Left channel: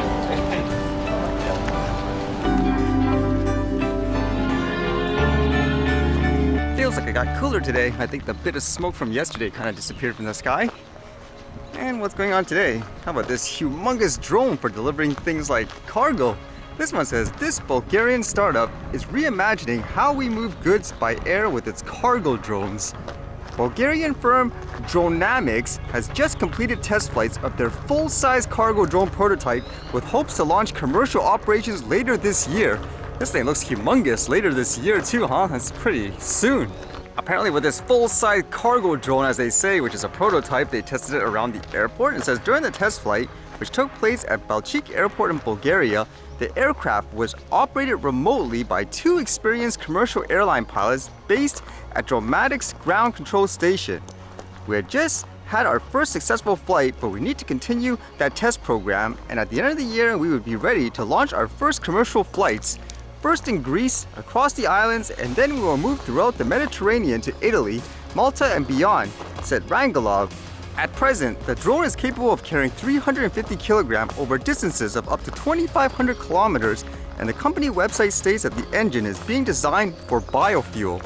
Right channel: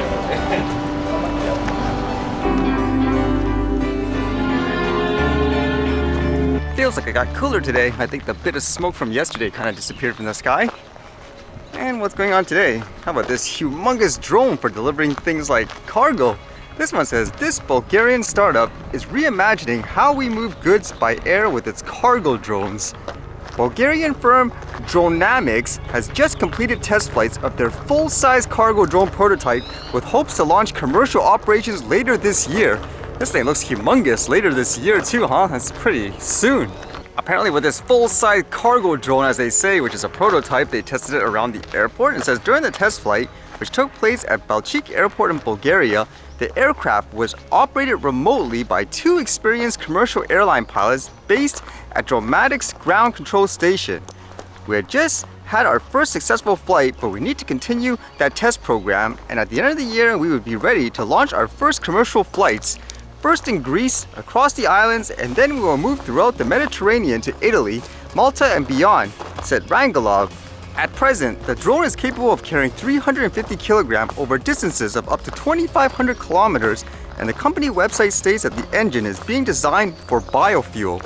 right. Feels like it got cooler today. I think the bit of smoke from yesterday kind of disappeared from the sky. And what's going on today? How about this humongous drone for delivering things like cargo? This one says, this Bulgarian startup is reimagining how we move goods by air with its cargo drones. Bulgarian firm Dronamics has just completed test flights of their full-size cargo drone prototype with hopes to launch commercial operations later this year. This thing looks humongous later this year too, huh? That's pretty soon. Apparently with this full-size cargo drone, as they say, which is a prototype, they tested it around the airport. It says during the test flight, which took place at Balchik Airport in Bulgaria, the aircraft was operated remotely by two experienced commercial airline pilots based at Dronamics Ground Control Station. We had just had our first successful flight, but we need to continue that test program, and at the end of the year, we would be ready to launch our first commercial flights. First in Greece, across the islands, and then we will move throughout the Mediterranean to Italy, Malta, and beyond, said Rangelov. At present, the drone is capable of carrying 350 kilograms over distances of up to 2,500 kilometers, and the company website states that the engine is being designed for biofuel.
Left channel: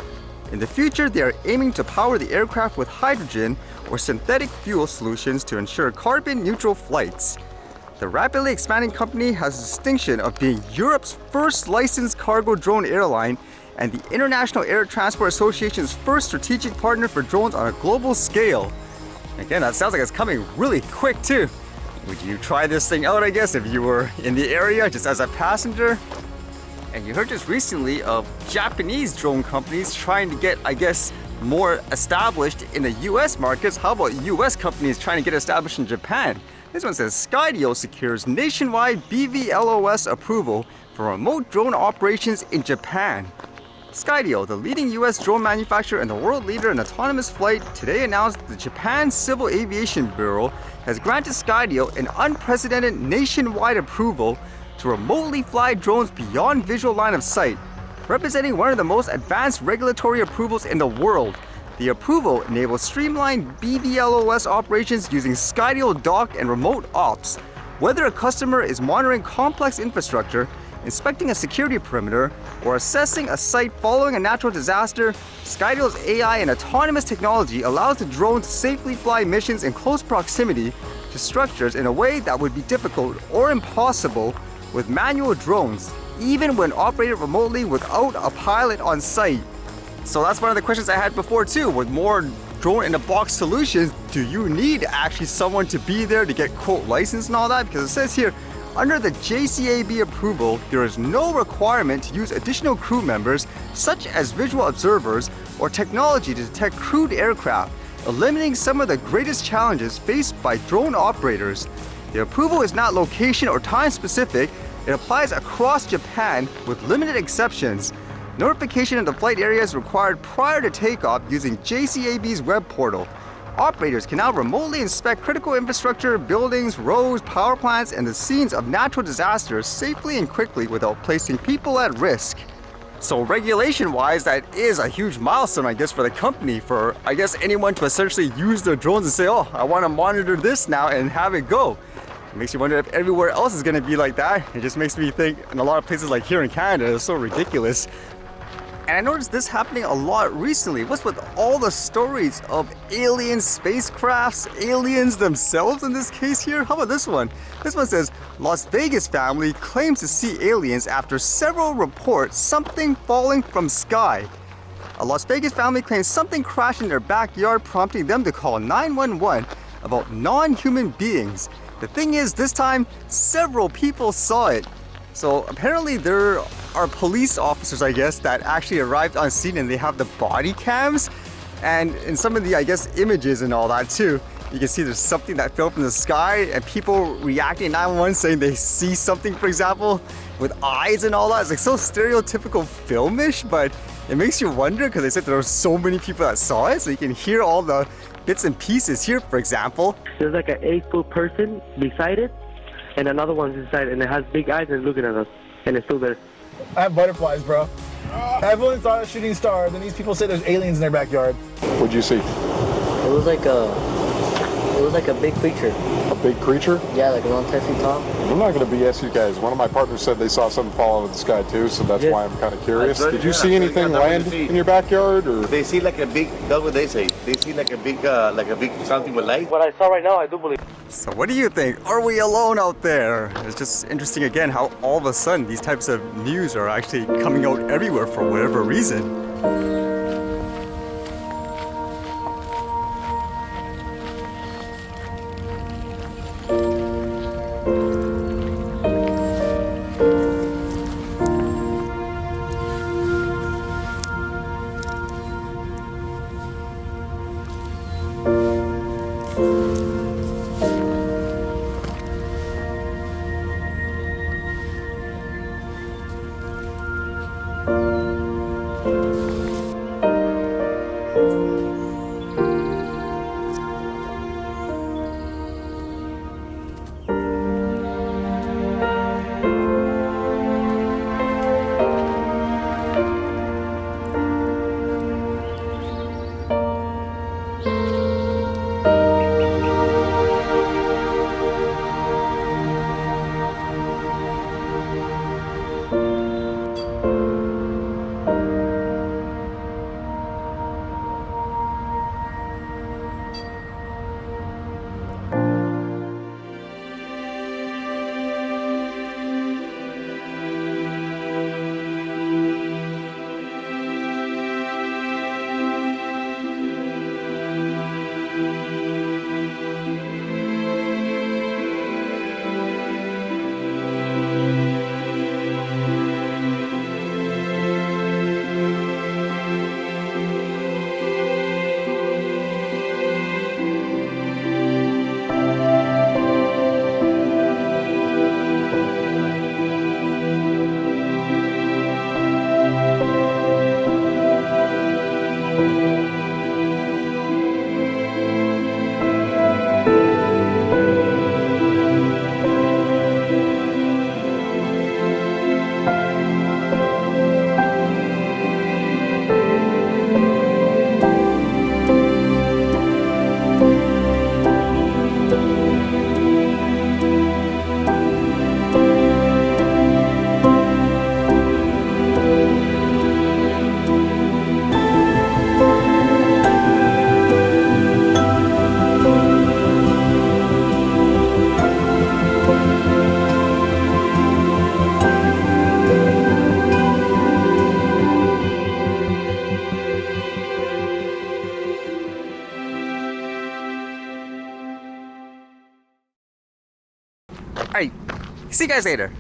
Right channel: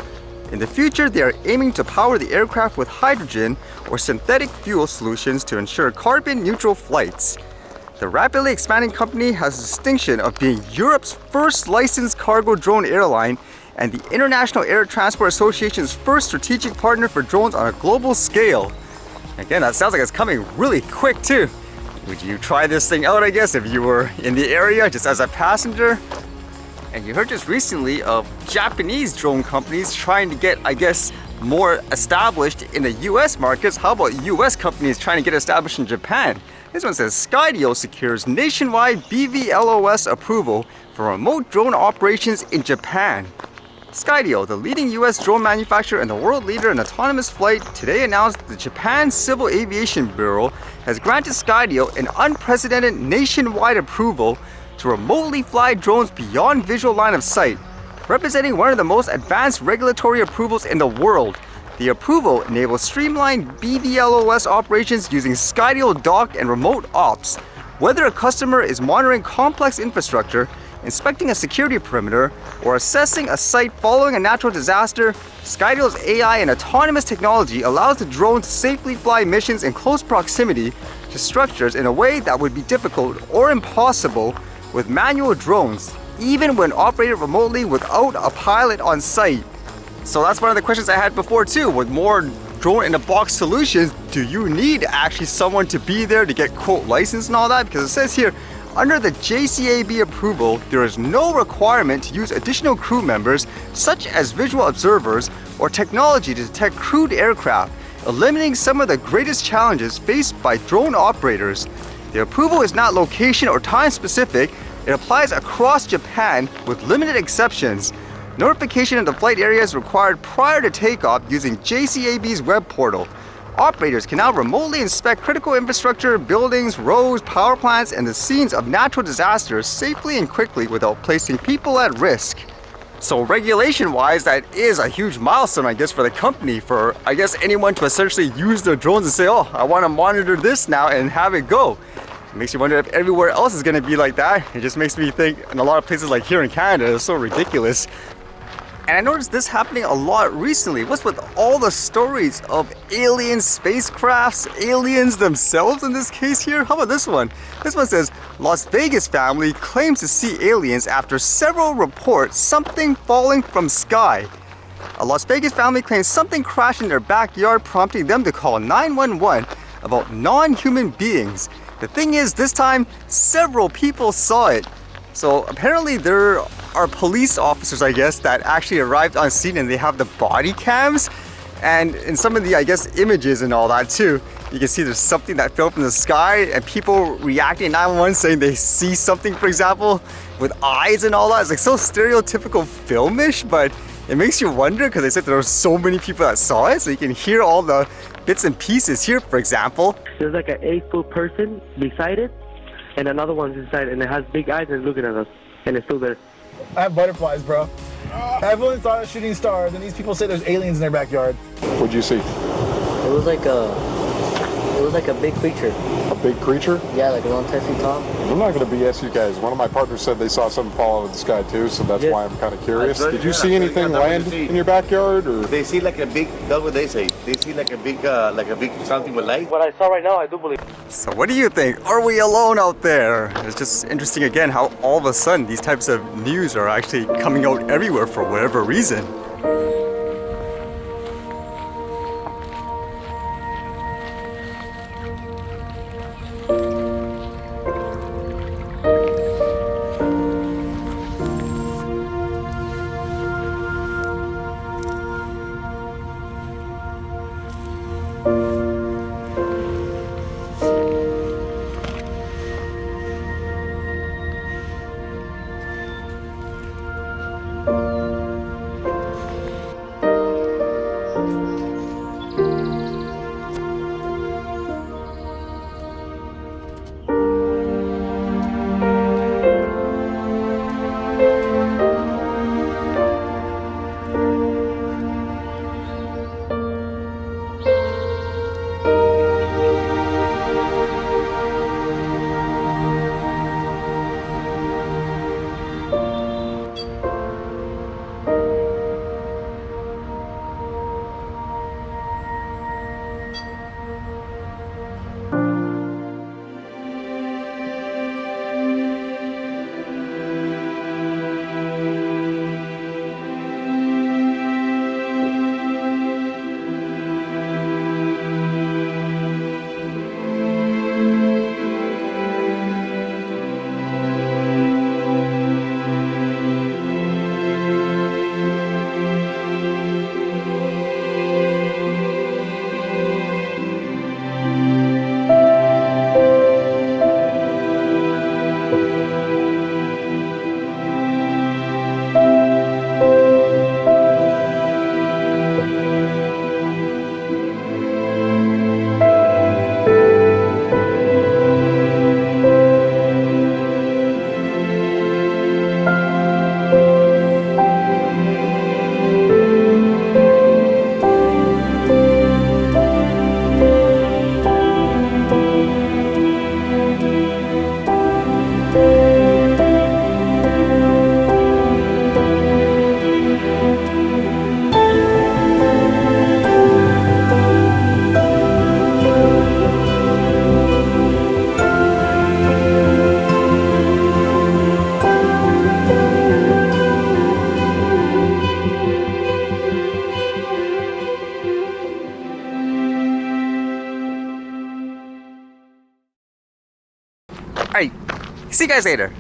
In the future, they are aiming to power the aircraft with hydrogen or synthetic fuel solutions to ensure carbon-neutral flights. The rapidly expanding company has the distinction of being Europe's first licensed cargo drone airline and the International Air Transport Association's first strategic partner for drones on a global scale. Again, that sounds like it's coming really quick too. Would you try this thing out, I guess, if you were in the area just as a passenger? And you heard just recently of Japanese drone companies trying to get, I guess, more established in the US markets. How about US companies trying to get established in Japan? This one says Skydio secures nationwide BVLOS approval for remote drone operations in Japan. Skydio, the leading US drone manufacturer and the world leader in autonomous flight, today announced the Japan Civil Aviation Bureau has granted Skydio an unprecedented nationwide approval to remotely fly drones beyond visual line of sight, representing one of the most advanced regulatory approvals in the world. The approval enables streamlined BVLOS operations using Skydio dock and remote ops. Whether a customer is monitoring complex infrastructure, inspecting a security perimeter, or assessing a site following a natural disaster, Skydio's AI and autonomous technology allows the drone to safely fly missions in close proximity to structures in a way that would be difficult or impossible with manual drones, even when operated remotely without a pilot on site. So that's one of the questions I had before too. With more drone-in-a-box solutions, do you need actually someone to be there to get quote licensed and all that? Because it says here, under the JCAB approval, there is no requirement to use additional crew members, such as visual observers or technology to detect crewed aircraft, eliminating some of the greatest challenges faced by drone operators. The approval is not location or time specific. It applies across Japan with limited exceptions. Notification of the flight area is required prior to takeoff using JCAB's web portal. Operators can now remotely inspect critical infrastructure, buildings, roads, power plants, and the scenes of natural disasters safely and quickly without placing people at risk. So regulation-wise, that is a huge milestone, I guess, for the company, for, I guess, anyone to essentially use their drones and say, oh, I want to monitor this now and have it go. It makes you wonder if everywhere else is going to be like that. It just makes me think, in a lot of places like here in Canada, it's so ridiculous. And I noticed this happening a lot recently. What's with all the stories of alien spacecrafts, aliens themselves in this case here? How about this one? This one says, Las Vegas family claims to see aliens after several reports something falling from sky. A Las Vegas family claims something crashed in their backyard, prompting them to call 911 about non-human beings. The thing is, this time, several people saw it. So apparently there are police officers, I guess, that actually arrived on scene, and they have the body cams. And in some of the, I guess, images and all that too, you can see there's something that fell from the sky and people reacting in 911 saying they see something, for example, with eyes and all that. It's like so stereotypical filmish, but it makes you wonder because they said there were so many people that saw it. So you can hear all the bits and pieces here, for example. There's like an 8-foot person beside it, and another one's inside, and it has big eyes and looking at us, and it's still there. I have butterflies, bro. I've only saw a shooting star, then these people say there's aliens in their backyard. What'd you see? It was like a It was like a big creature. A big creature? Yeah, like around 10 feet tall. I'm not going to BS you guys. One of my partners said they saw something fall out of the sky too, so that's Yes. why I'm kind of curious. That's Did you right, see yeah. anything Yeah, that's what land you see. in your backyard, or? They see like a big, that's what they say. They see like a big something with light. What I saw right now, I do believe. So what do you think? Are we alone out there? It's just interesting again how all of a sudden these types of news are actually coming out everywhere for whatever reason. Alright, see you guys later.